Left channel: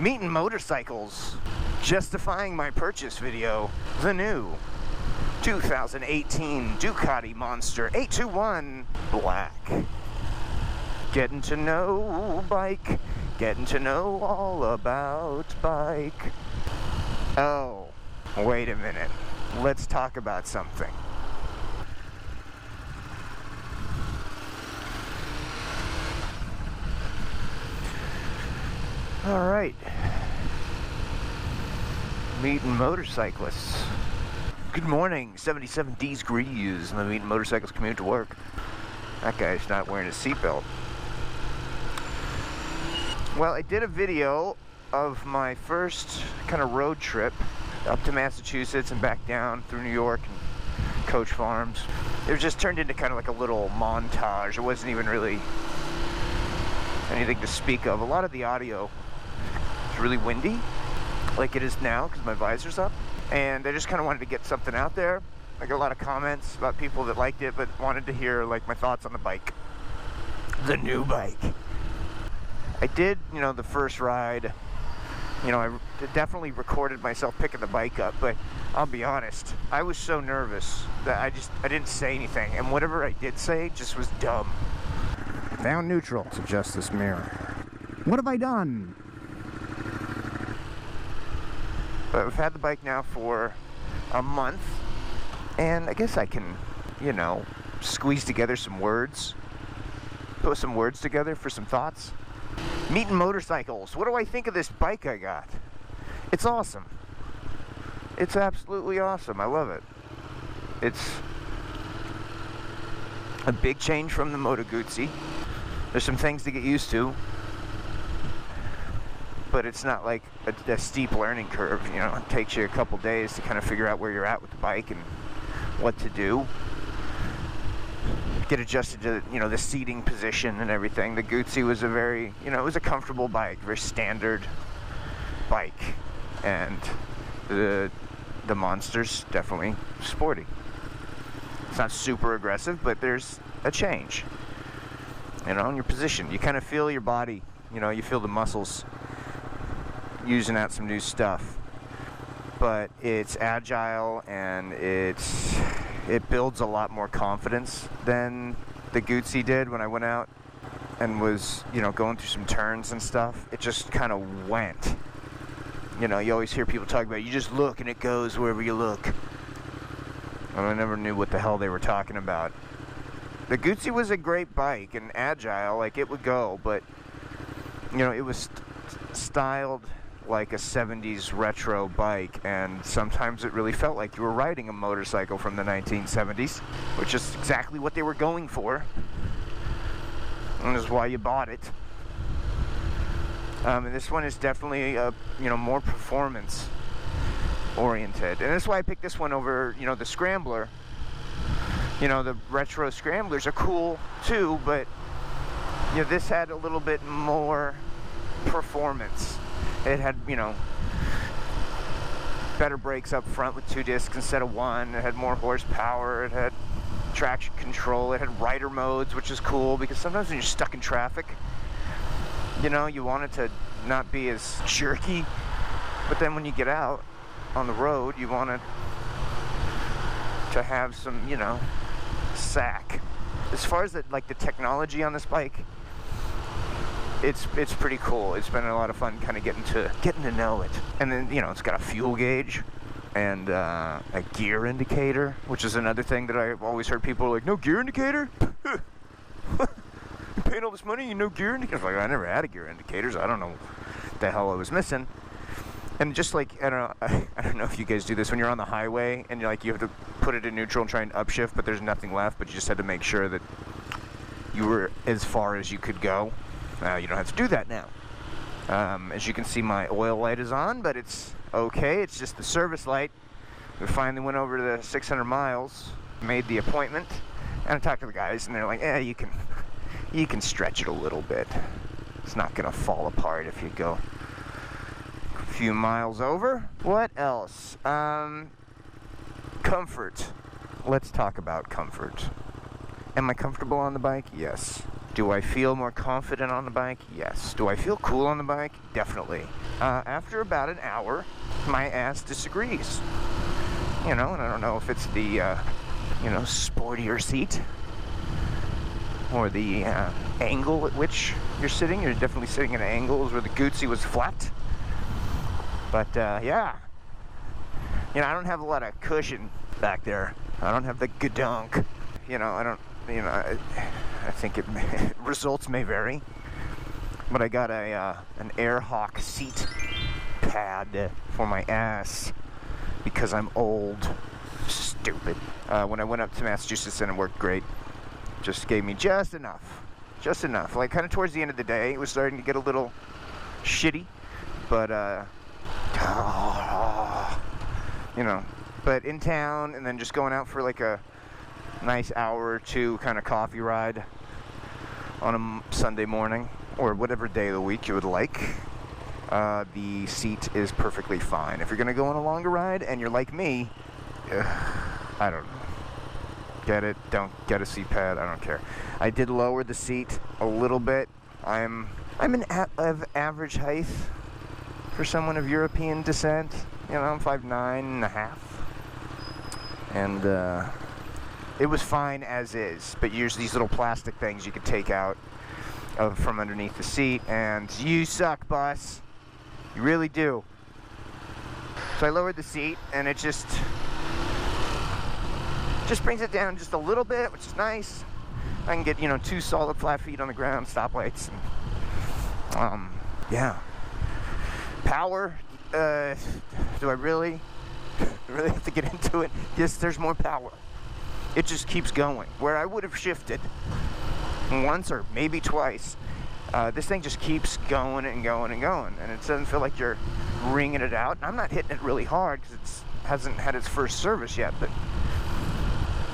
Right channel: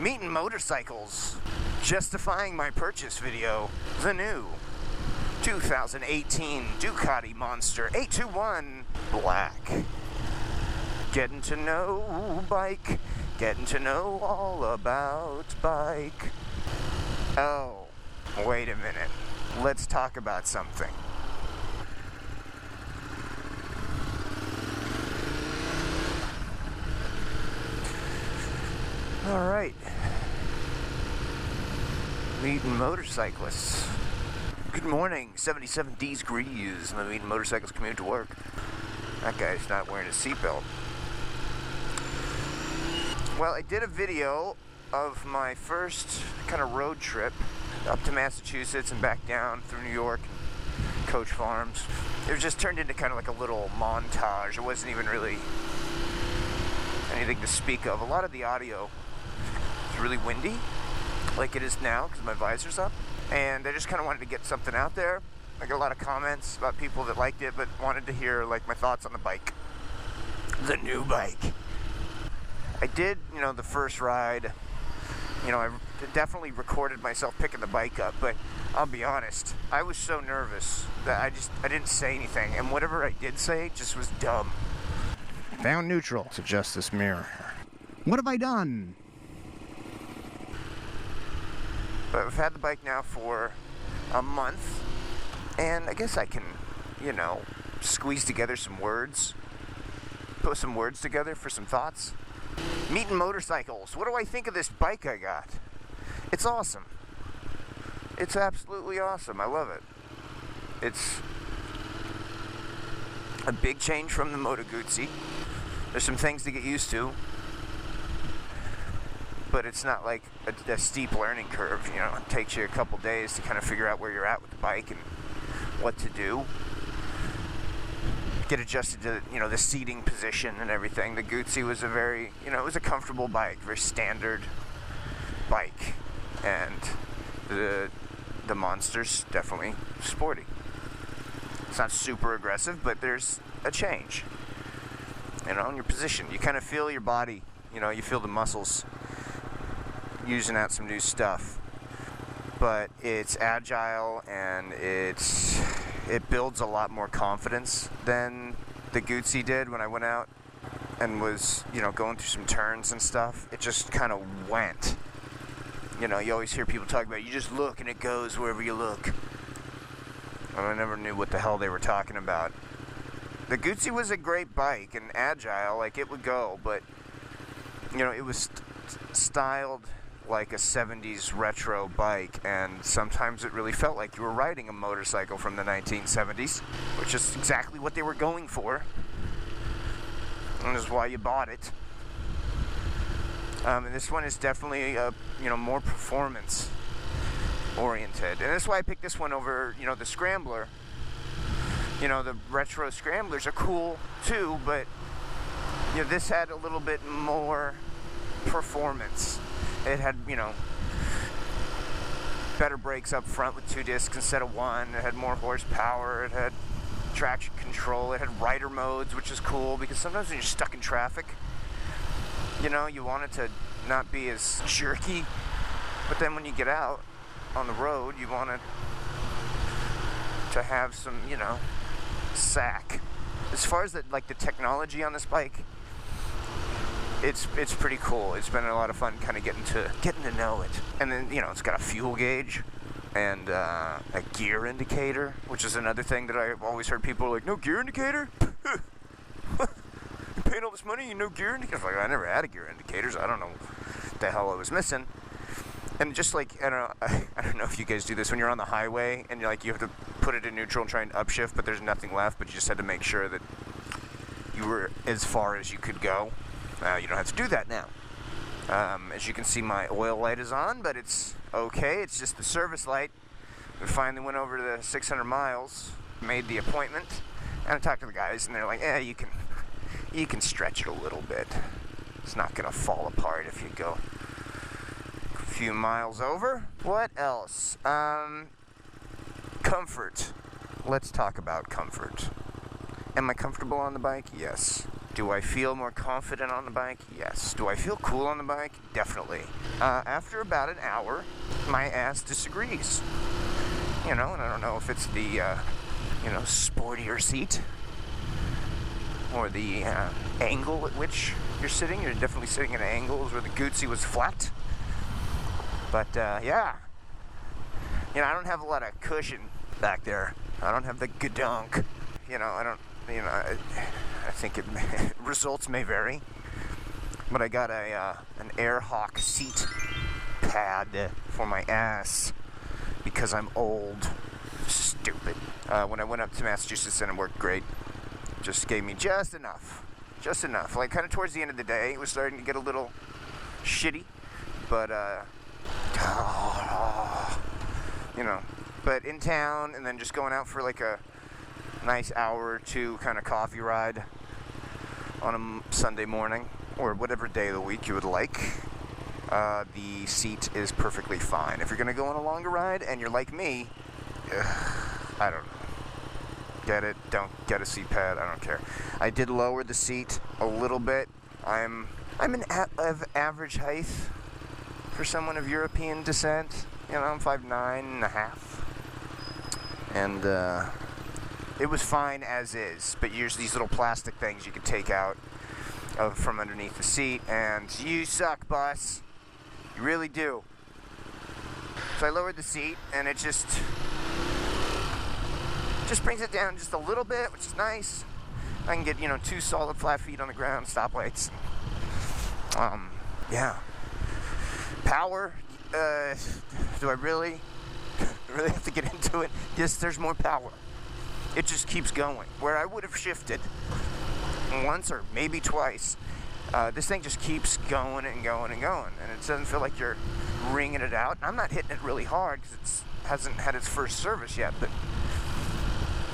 Meeting motorcycles. Justifying my purchase video. The new 2018 Ducati Monster 821 Black. Getting to know bike. Getting to know all about bike. Oh, wait a minute. Let's talk about something. All right. Meeting motorcyclists. Good morning. 77 degrees. I'm meeting motorcycles commute to work. That guy's not wearing a seatbelt. Well, I did a video of my first kind of road trip up to Massachusetts and back down through New York and Coach Farms. It was just turned into kind of like a little montage. It wasn't even really anything to speak of. A lot of the audio is really windy, like it is now because my visor's up. And I just kind of wanted to get something out there. I got a lot of comments about people that liked it but wanted to hear like my thoughts on the bike. The new bike. I did, the first ride, I definitely recorded myself picking the bike up, but I'll be honest, I was so nervous that I didn't say anything, and whatever I did say just was dumb. Found neutral. Let's adjust this mirror. What have I done? But I've had the bike now for a month, and I guess I can, squeeze together some words, put some words together for some thoughts. Meeting motorcycles. What do I think of this bike I got? It's awesome. It's absolutely awesome. I love it. It's a big change from the Moto Guzzi. There's some things to get used to, but it's not like a steep learning curve. It takes you a couple days to kind of figure out where you're at with the bike and what to do. Get adjusted to, the seating position and everything. The Guzzi was a very, it was a comfortable bike, very standard bike. And the Monster's definitely sporty. It's not super aggressive, but there's a change. In your position. You kind of feel your body, you feel the muscles using out some new stuff. But it's agile and it builds a lot more confidence than the Guzzi did when I went out and was, going through some turns and stuff. It just kind of went. You always hear people talk about, you just look and it goes wherever you look. And I never knew what the hell they were talking about. The Guzzi was a great bike and agile, like it would go, but, it was styled like a 70s retro bike, and sometimes it really felt like you were riding a motorcycle from the 1970s, which is exactly what they were going for, and is why you bought it. And this one is definitely more performance oriented, and that's why I picked this one over the Scrambler. The retro Scramblers are cool too, but this had a little bit more performance. It had, better brakes up front with 2 discs instead of 1. It had more horsepower. It had traction control. It had rider modes, which is cool because sometimes when you're stuck in traffic, you want it to not be as jerky. But then when you get out on the road, you want it to have some, sack. As far as the technology on this bike, it's pretty cool. It's been a lot of fun kind of getting to know it. And then, it's got a fuel gauge and a gear indicator, which is another thing that I've always heard people are like, no gear indicator? You paying all this money, no gear indicator? I never had a gear indicator, so I don't know what the hell I was missing. And just I don't know if you guys do this when you're on the highway and you have to put it in neutral and try and upshift, but there's nothing left, but you just had to make sure that you were as far as you could go. You don't have to do that now. As you can see, my oil light is on, but it's okay. It's just the service light. We finally went over the 600 miles, made the appointment, and I talked to the guys, and they're like, you can stretch it a little bit. It's not going to fall apart if you go a few miles over. What else? Comfort. Let's talk about comfort. Am I comfortable on the bike? Yes. Do I feel more confident on the bike? Yes. Do I feel cool on the bike? Definitely. After about an hour, my ass disagrees. You know, and I don't know if it's the, you know, sportier seat or the angle at which you're sitting. You're definitely sitting at angles where the Gucci was flat. But, yeah. You know, I don't have a lot of cushion back there. I don't have the gadunk. You know, I don't, you know, I think results may vary. But I got an Airhawk seat pad for my ass because I'm old. Stupid. When I went up to Massachusetts, and it worked great. Just gave me just enough. Just enough. Like, kind of towards the end of the day, it was starting to get a little shitty. But, you know, but in town, and then just going out for like a nice hour or two kind of coffee ride on a Sunday morning, or whatever day of the week you would like, the seat is perfectly fine. If you're going to go on a longer ride, and you're like me, I don't know. Get it, don't get a seat pad, I don't care. I did lower the seat a little bit. I'm of average height for someone of European descent. You know, I'm 5'9.5". And it was fine as is, but use these little plastic things you could take out from underneath the seat, and you suck, boss. You really do. So I lowered the seat, and it just brings it down just a little bit, which is nice. I can get, you know, 2 solid flat feet on the ground, stoplights, and yeah. Power, do I really have to get into it? Yes, there's more power. It just keeps going. Where I would have shifted once or maybe twice, this thing just keeps going and going and going, and it doesn't feel like you're wringing it out. And I'm not hitting it really hard because it hasn't had its first service yet, but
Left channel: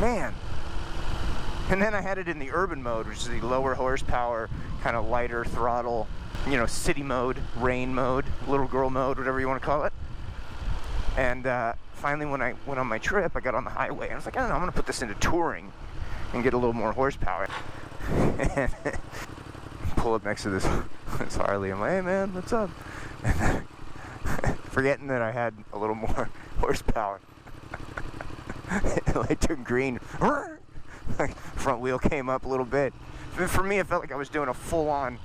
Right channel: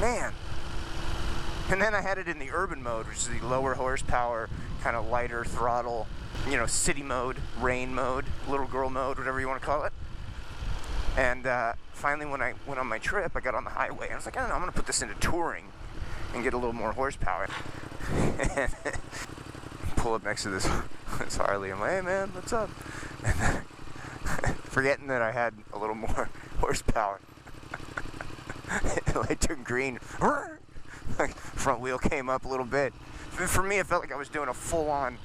man. And then I had it in the urban mode, which is the lower horsepower, kind of lighter throttle, you know, city mode, rain mode, little girl mode, whatever you want to call it. And finally, when I went on my trip, I got on the highway, and I was like, I don't know, I'm going to put this into touring and get a little more horsepower. Pull up next to this Harley. I'm like, hey man, what's up? And forgetting that I had a little more horsepower. Light turned green. Front wheel came up a little bit. For me, it felt like I was doing a full-on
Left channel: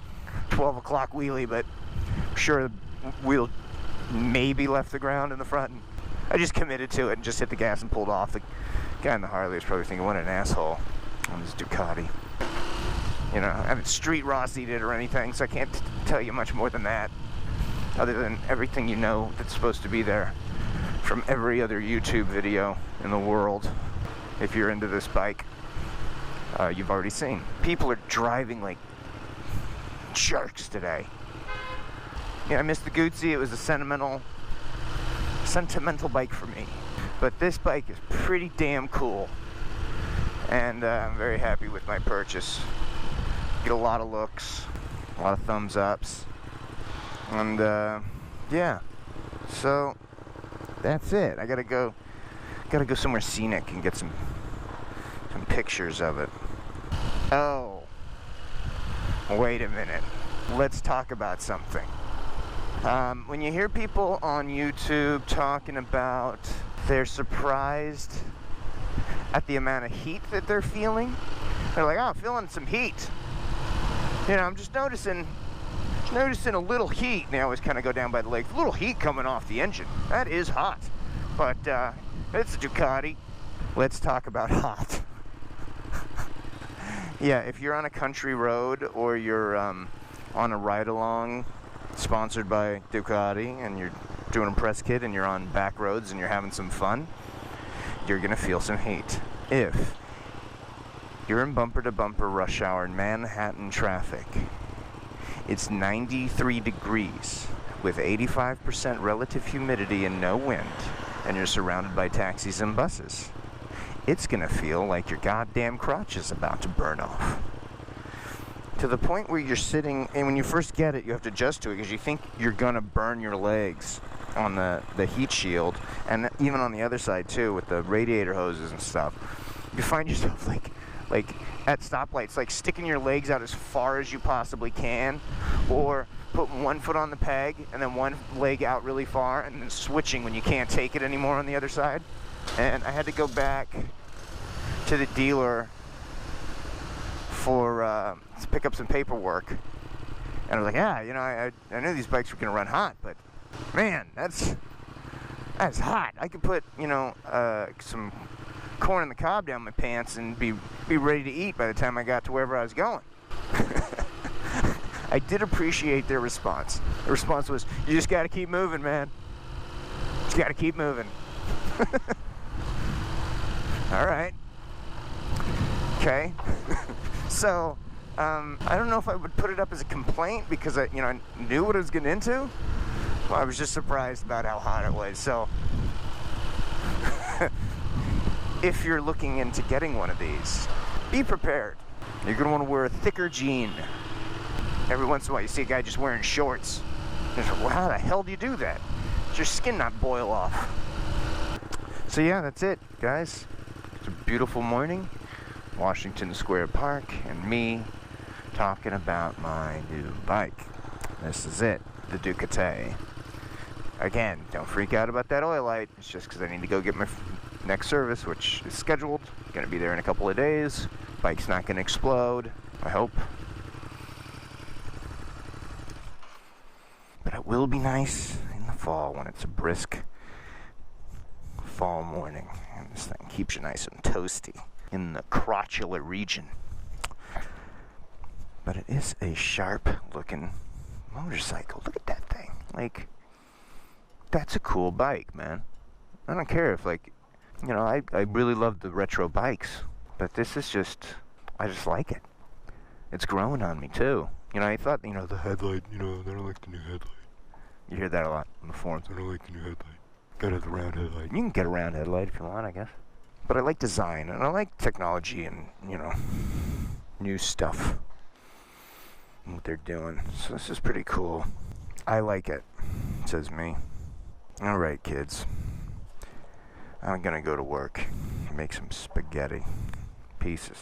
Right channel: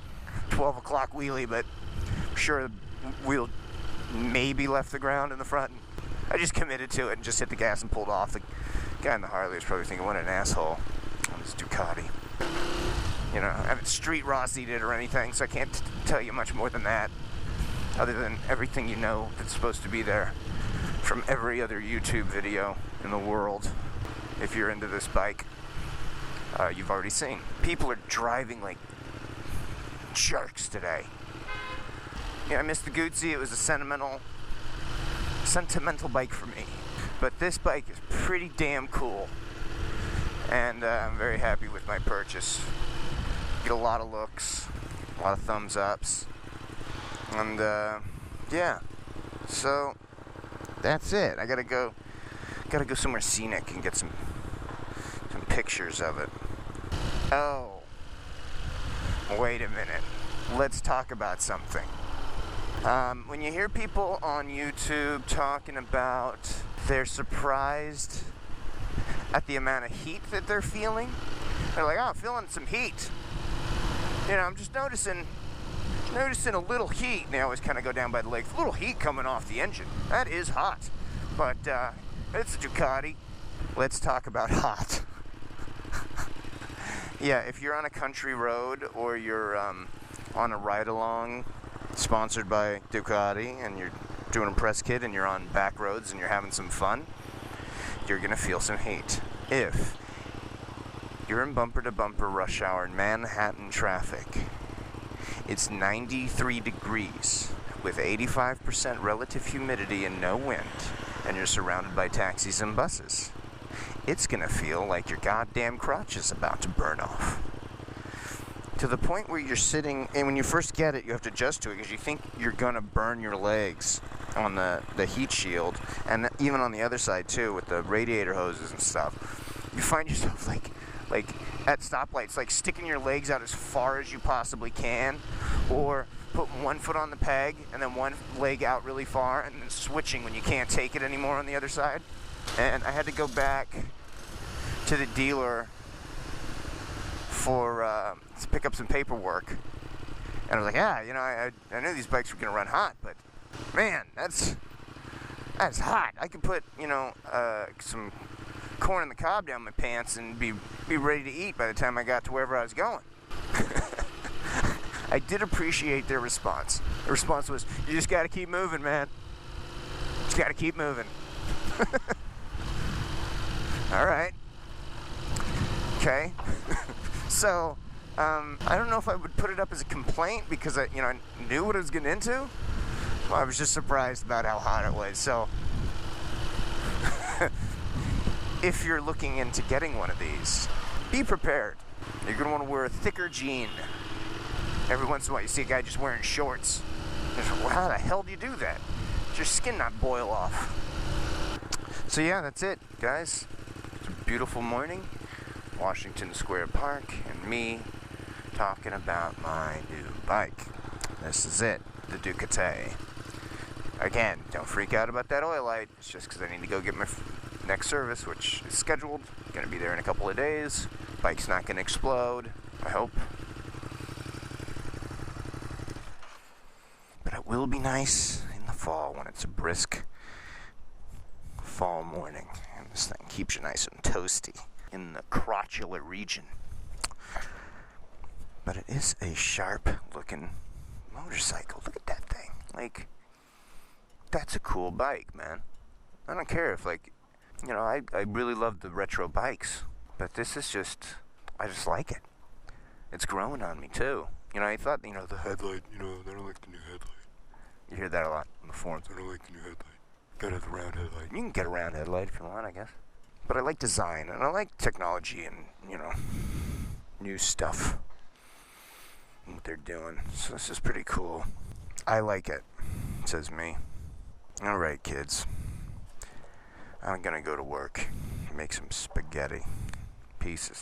12 o'clock wheelie, but I'm sure the wheel maybe left the ground in the front. And I just committed to it and just hit the gas and pulled off. The guy in the Harley was probably thinking, what an asshole on this Ducati. You know, I haven't street Rossied it or anything, so I can't tell you much more than that, other than everything you know that's supposed to be there from every other YouTube video in the world. If you're into this bike, you've already seen. People are driving like jerks today. Yeah, I missed the Gucci. It was a sentimental bike for me. But this bike is pretty damn cool, and I'm very happy with my purchase. Get a lot of looks, a lot of thumbs ups, and yeah. So that's it. I gotta go somewhere scenic and get some pictures of it. Oh, wait a minute. Let's talk about something. When you hear people on YouTube talking about they're surprised at the amount of heat that they're feeling, they're like, oh, I'm feeling some heat. You know, I'm just noticing a little heat. And they always kind of go down by the lake. A little heat coming off the engine. That is hot. But it's a Ducati. Let's talk about hot. Yeah, if you're on a country road or you're on a ride-along sponsored by Ducati and you're doing a press kit and you're on back roads and you're having some fun, you're going to feel some heat. If you're in bumper-to-bumper rush hour in Manhattan traffic, it's 93 degrees with 85% relative humidity and no wind, and you're surrounded by taxis and buses. It's gonna feel like your goddamn crotch is about to burn off. To the point where you're sitting, and when you first get it, you have to adjust to it because you think you're gonna burn your legs on the heat shield, and even on the other side too with the radiator hoses and stuff. You find yourself like at stoplights, like sticking your legs out as far as you possibly can, or putting one foot on the peg and then one leg out really far, and then switching when you can't take it anymore on the other side. And I had to go back to the dealer for to pick up some paperwork, and I was like, yeah, you know, I knew these bikes were gonna run hot, but man, that's hot. I could put, you know, some corn on the cob down my pants and be ready to eat by the time I got to wherever I was going. I did appreciate their response. The response was, you just gotta keep moving, man. Just gotta keep moving. All right. Okay. So, I don't know if I would put it up as a complaint because I knew what I was getting into. Well, I was just surprised about how hot it was. So, if you're looking into getting one of these, be prepared. You're gonna want to wear a thicker jean. Every once in a while, you see a guy just wearing shorts. You're like, well, how the hell do you do that? Does your skin not boil off? So yeah, that's it, guys. It's a beautiful morning, Washington Square Park, and me talking about my new bike. This is it, the Ducati. Again, don't freak out about that oil light. It's just because I need to go get my next service, which is scheduled. Gonna be there in a couple of days. Bike's not gonna explode, I hope. But it will be nice in the fall when it's a brisk fall morning, and this thing keeps you nice and toasty in the crotchular region. But it is a sharp looking motorcycle. Look at that thing. Like, that's a cool bike, man. I don't care if, like, you know, I really love the retro bikes, but this is just, I just like it. It's growing on me too. You know, I thought, you know, the headlight, you know, I don't like the new headlight. You hear that a lot on the forums. I don't like the new headlight. Gotta have the round headlight. You can get a round headlight if you want, I guess. But I like design, and I like technology and, you know, new stuff. And what they're doing. So this is pretty cool. I like it, says me. Alright, kids. I'm gonna go to work and make some spaghetti. Pieces.